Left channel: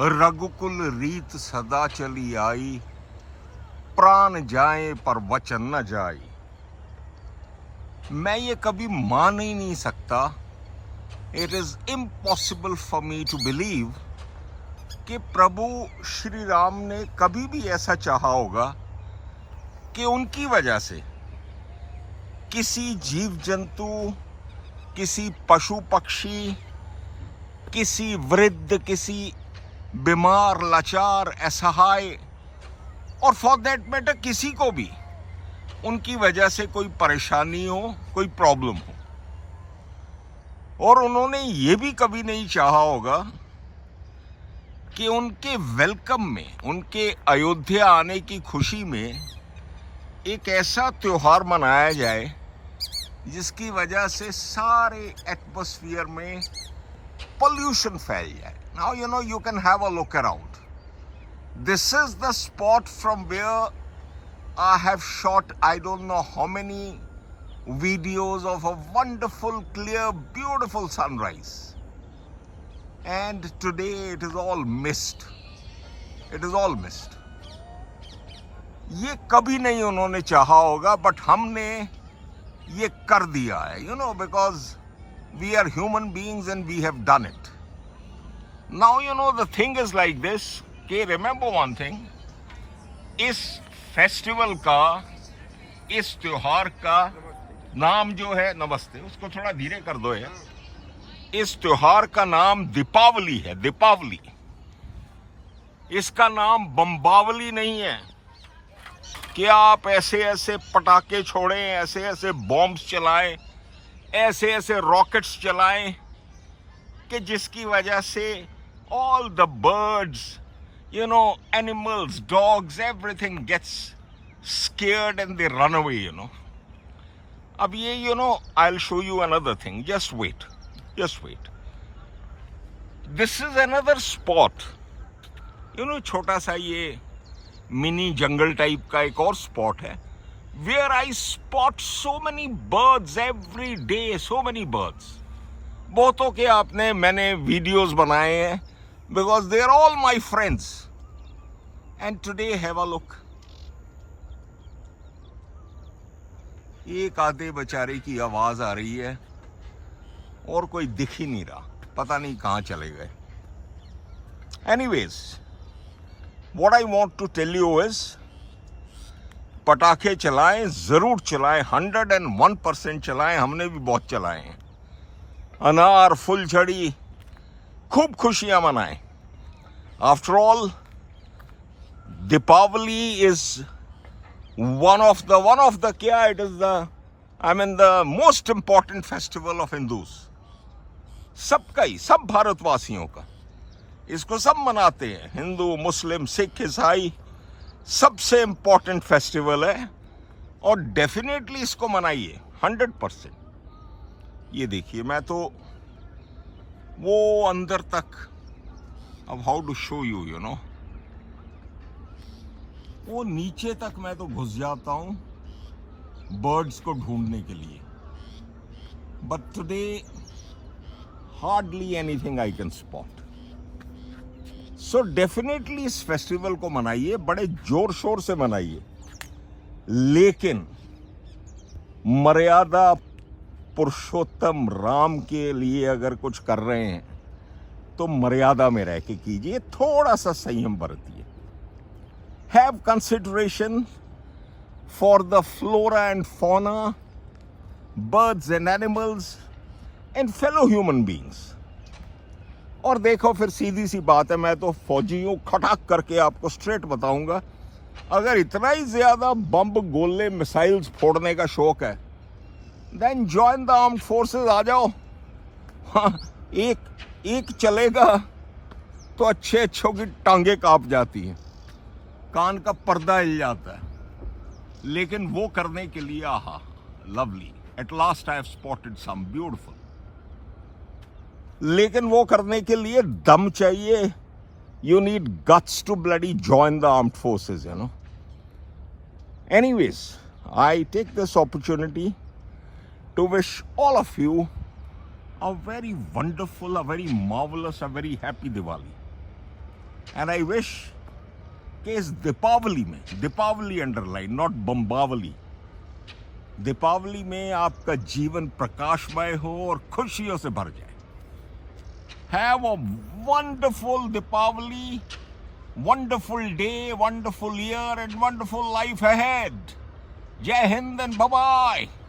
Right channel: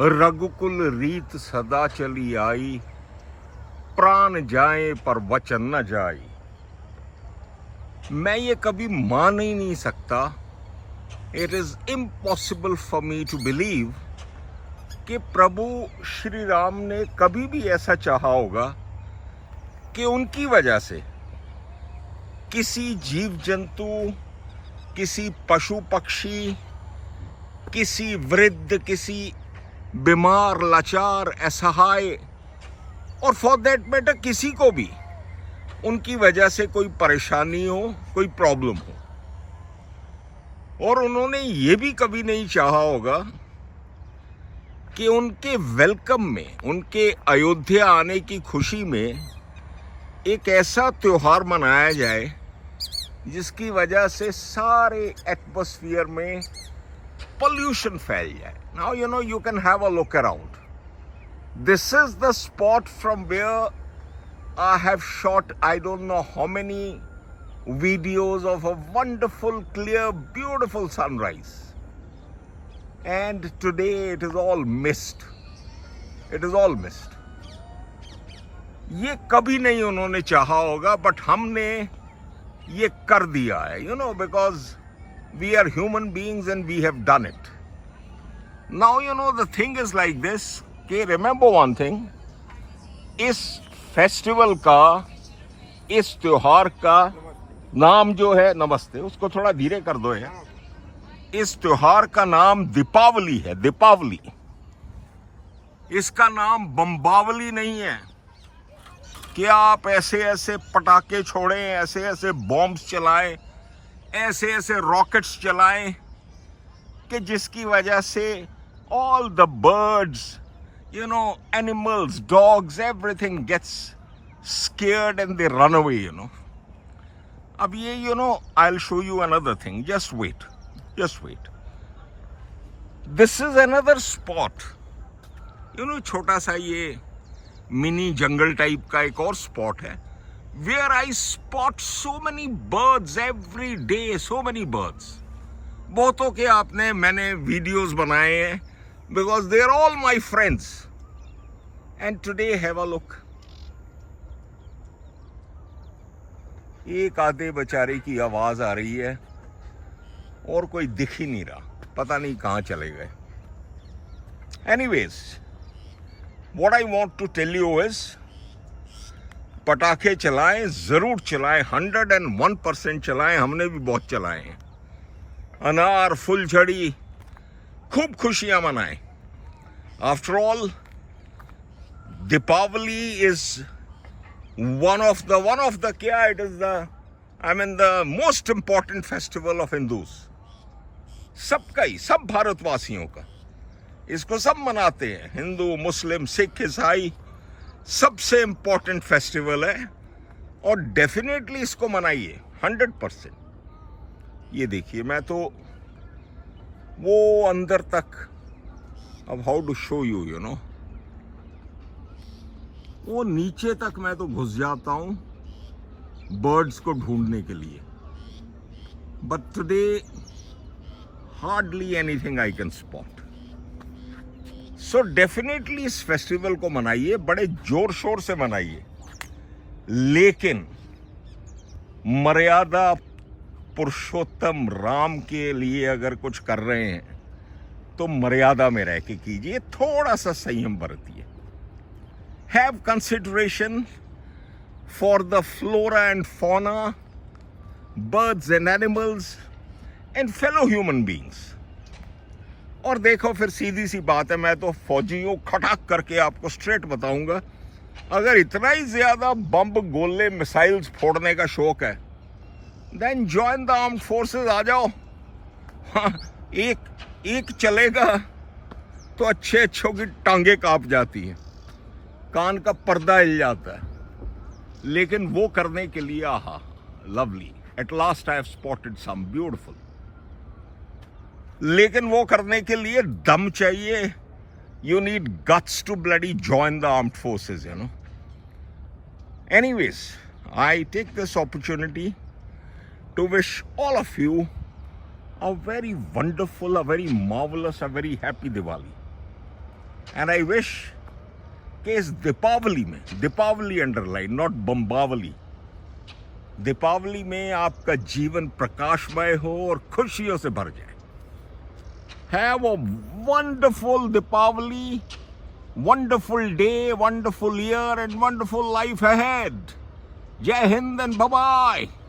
रघुकुल रीत सदा चली आई, प्राण जाए पर वचन न जाए। मैं ये कभी मान ही नहीं सकता, it is impossible for me to believe कि प्रभु श्री राम ने कभी भी ऐसा चाहा होगा कि उनकी वजह से किसी जीव जंतु, किसी पशु पक्षी, किसी वृद्ध, किसी बीमार, लाचार, असहाय और फॉर दैट मैटर किसी को भी उनकी वजह से कोई परेशानी हो, कोई प्रॉब्लम हो। और उन्होंने ये भी कभी नहीं चाहा होगा कि उनके वेलकम में, उनके अयोध्या आने की खुशी में एक ऐसा त्योहार मनाया जाए जिसकी वजह से सारे एटमॉस्फेयर में pollution फैल जाए. Now you can have a look around. This is the spot from where I have shot I don't know how many videos of a wonderful, clear, beautiful sunrise. And today it is all mist. It is all mist. ये कभी नहीं उन्होंने चाहा होगा, but हमने ये कर दिया है, because we are human beings and we have done it. Now, the thing is like this, कि remember one thing, इस फेस्टिवल का, इस त्योहार का नाम जो है, नमस्ते, उसको थोड़ा धीरे कर दो यार। इस त्योहार का नाम दीपावली है, दीपावली। इसका नाम बम्बावली नहीं है कि आप ऐसे ऐसे पटाखे छोड़ें, ऐसे ऐसे बॉम्ब्स चलाएं, ऐसे ऐसे रॉकेट्स चलाएं कि जिसकी वजह से all the birds, animals, dogs, everything gets scared and they run away, अब ये, I'll show you another thing. Just wait. This is another spot. छोटा सा ये मिनी जंगल टाइप का एक और स्पॉट है, where I spot so many birds every day, so many birds. बहुतों के मैंने वीडियोस बनाए हैं, because they are all my friends. And today have a look. एक आधे बेचारे की आवाज आ रही है और कोई दिख ही नहीं रहा, पता नहीं कहाँ चले गए. Anyways, what I want to tell you is, पटाखे चलाएं, जरूर चलाएं, 101% चलाएं. हमने भी बहुत चलाए हैं. अनार, फुलझड़ी, खूब खुशियां मनाएं. After all, Deepavali is one of the most important festival of Hindus. सबका ही, सब भारतवासियों का. इसको सब मनाते हैं, हिंदू, मुस्लिम, सिख, ईसाई. सबसे इम्पोर्टेंट फेस्टिवल है और डेफिनेटली इसको मनाइए 100%. ये देखिए, मैं तो वो अंदर तक, अब हाउ टू शो यू, वो नीचे तक मैं तो घुस जाता हूं बर्ड्स को ढूंढने के लिए. But today hardly anything I can spot. So definitely इस फेस्टिवल को मनाइए, बड़े जोर शोर से मनाइए, लेकिन मर्यादा पुरुषोत्तम राम के लिए अगर कुछ कर रहे हैं तो मर्यादा में रह के कीजिए, थोड़ा सा संयम बरतिए. Have consideration for the flora and fauna, birds and animals and fellow human beings. और देखो, फिर सीधी सी बात है, मैं तो फौजी हूं, खटाक करके आपको स्ट्रेट बताऊंगा, अगर इतना ही ज्यादा बम, गोले, मिसाइल्स फोड़ने का शौक है, then join the armed forces. आ जाओ. हाँ, एक चलेगा तो अच्छों की टांगे कांप जाती हैं, कान का पर्दा हिल जाता है. लेकिन वो करने के लिए, aha, lovely, at last I have spotted some beautiful. लेकिन वो करने के लिए दम चाहिए. You need guts to bloody join the armed forces, Anyways, I take this opportunity to wish all of you a very wonderful, a very marvelous, a very happy Diwali. And I wish कि इस दीपावली में, Deepawali underline not बम्बावली, Deepawali में आपका जीवन प्रकाशमय हो और खुशियों से भर जाए. Have a wonderful Deepavali, wonderful day, wonderful year, and wonderful life ahead. Jai Hind and bye-bye.